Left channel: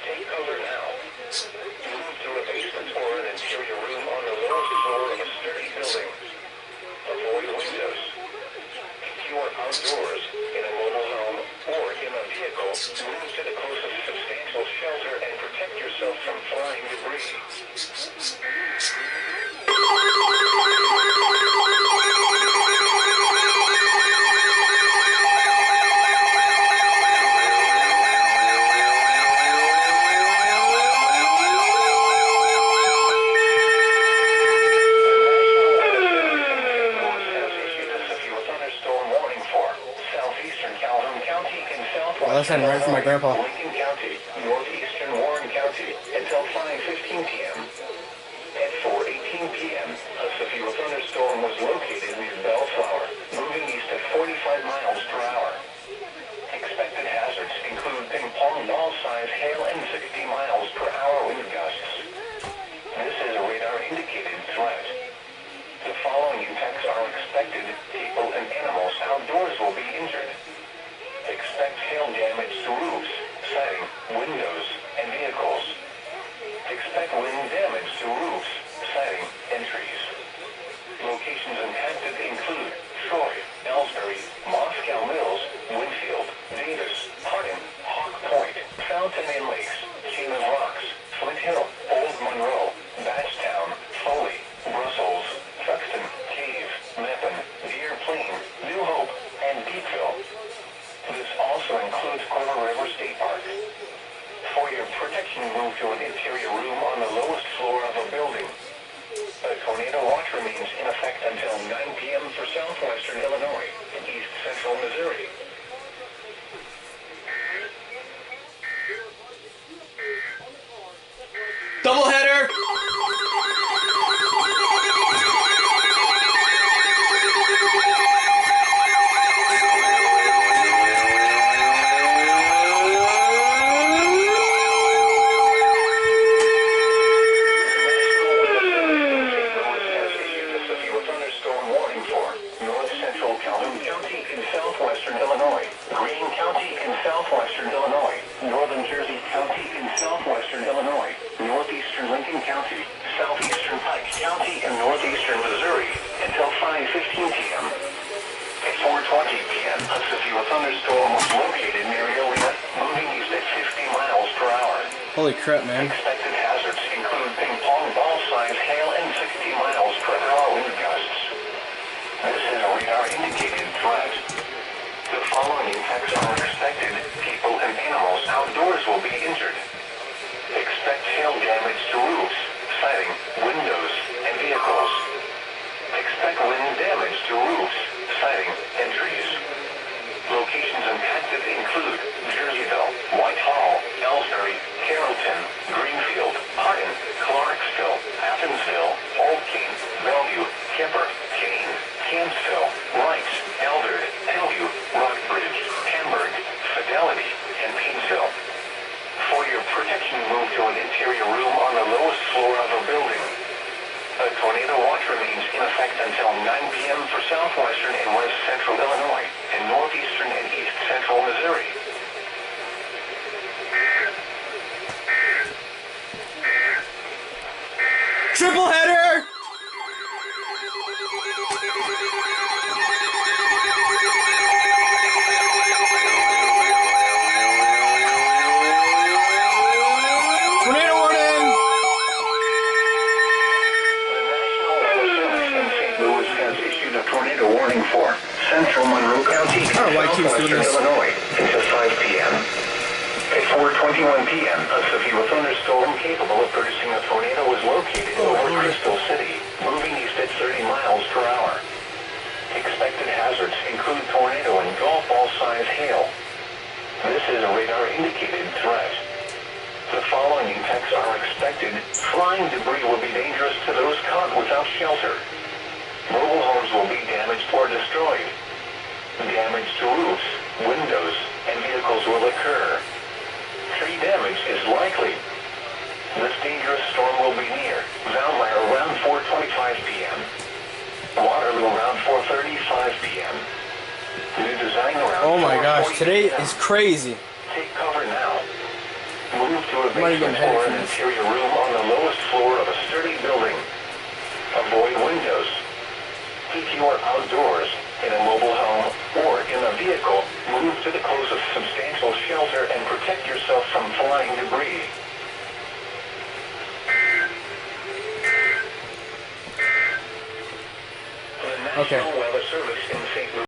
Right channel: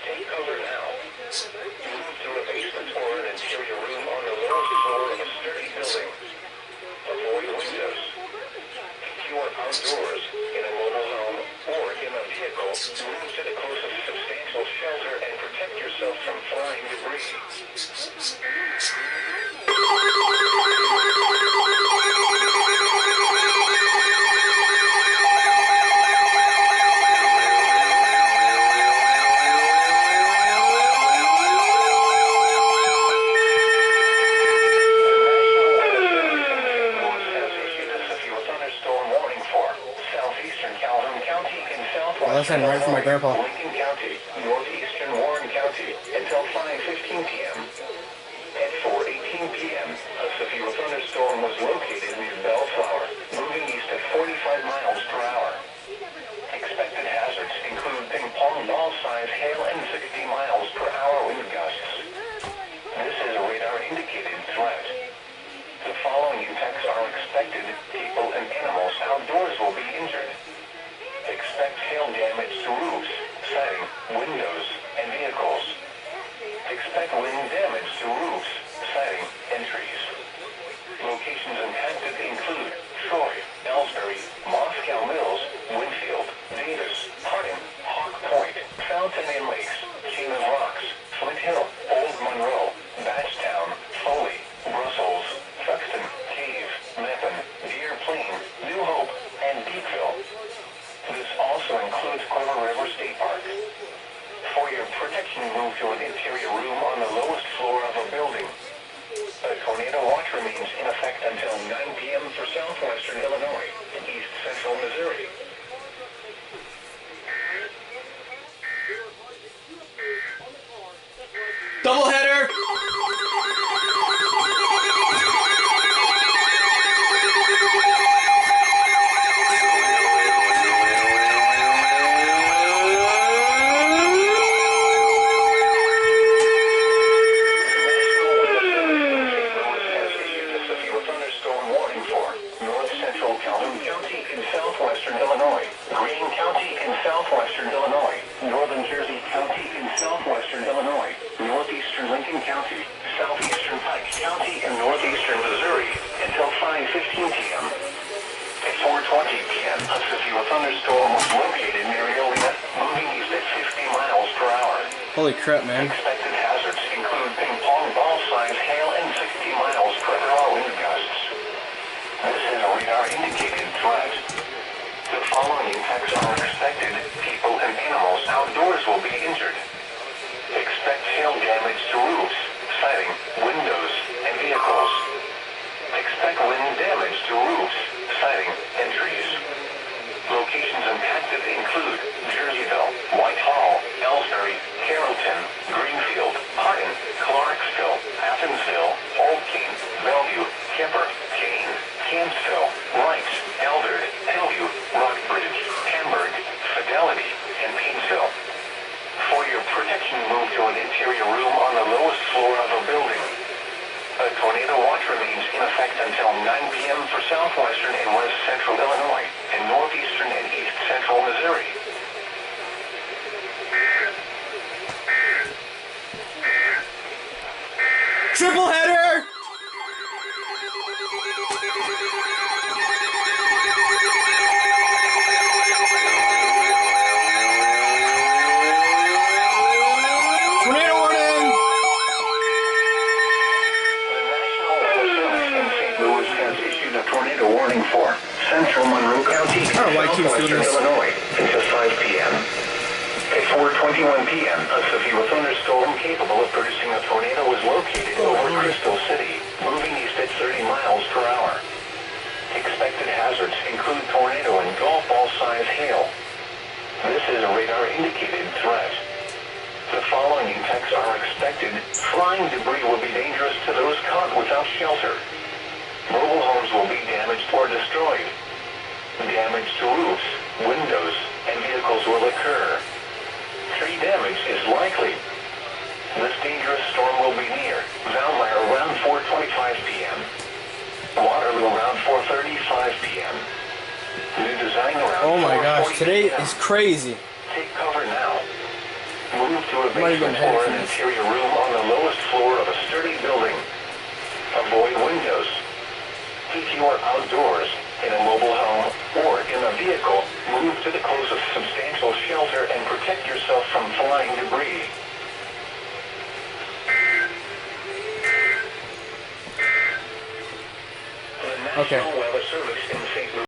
Take cover now. Move to a basement or an interior room on the lowest floor of a sturdy building. Avoid windows. If you are outdoors, in a mobile home, or in a vehicle, move to the closest substantial shelter and protect yourself from flying debris. Listen, right from my grandpa. Lincoln County, northeastern Warren County, until 5:15 p.m. At 4:18 p.m., a severe thunderstorm was located near Bellflower, moving east at 45 miles per hour. Expected hazards include ping-pong ball-size hail and 60 miles per hour wind gusts. This is a radar-indicated threat. The following impacts are expected. People and animals outdoors will be injured. Expect hail damage to roofs, siding, windows, and vehicles. Expect wind damage to roofs, siding, and trees. Locations impacted include Troy, Ellsbury, Moscow Mills, Winfield, Davis, Hardin, Hawk Point, Fountain and Lakes, Chain of Rocks, Flint Hill, Old Monroe, Batchtown, Foley, Brussels, Thuxton, Cave, Meppen, Deer Plain, New Hope, and Deepville. This also includes Corner River State Park. For your protection, move to an interior room on the lowest floor of a building. A tornado watch remains in effect until 9 p.m. for southwestern Illinois and east central Missouri. Doubleheader! County, southeastern Pike County, and northeastern Missouri until 5:15 p.m. At 4:20 p.m., a severe thunderstorm was located near Iliad, moving east at 50 miles per hour. Holy crap, man. Expected hazards include ping-pong ball-size hail and 60 miles per hour wind gusts. This is a radar-indicated threat. The following impacts are expected. People and animals outdoors will be injured. Expect hail damage to roofs, siding, windows, and vehicles. Expect wind damage to roofs, siding, and trees. Locations impacted include Jerseyville, Whitehall, Ellsbury, Carrollton, Greenfield, Hardin, Clarksville, Athensville, Old King, Bellevue, Kemper, Kane, Campsville, Wright, Eldred, Hillview, Rockbridge, Hamburg, Fidelity, and Painesville. For your protection, move to an interior room on the lowest floor of a building. A tornado watch remains in effect until 9 p.m. for southwestern and west central Illinois and northeastern and east central Missouri. Triple header! Tornado warning! The National Weather Service in St. Louis has issued a tornado warning for central Monroe County and southwestern Illinois until 5 p.m. At 4:21 p.m., a severe thunderstorm capable of producing a tornado was located over Crystal City, moving east at 30 miles per hour. Expected hazards include tornado and golf ball-size hail. This is a radar-indicated threat. The following impacts are expected. Flying debris will be dangerous to those caught without shelter. Mobile homes will be damaged or destroyed. Damage to roofs, windows, and vehicles will occur. Tree damage is likely. This dangerous storm will be near Valmeyer around 4:25 p.m. Waterloo around 4:35 p.m. New Design around Oh my gosh, today is crazy. Take cover now. Move Move to a Might have been basement headed or for an this. interior room on the lowest floor of a sturdy building. Avoid windows. If you are outdoors, in a mobile home, or in a vehicle, move to the closest substantial shelter and protect yourself from flying debris. The National Okay. Weather Service in St. Louis.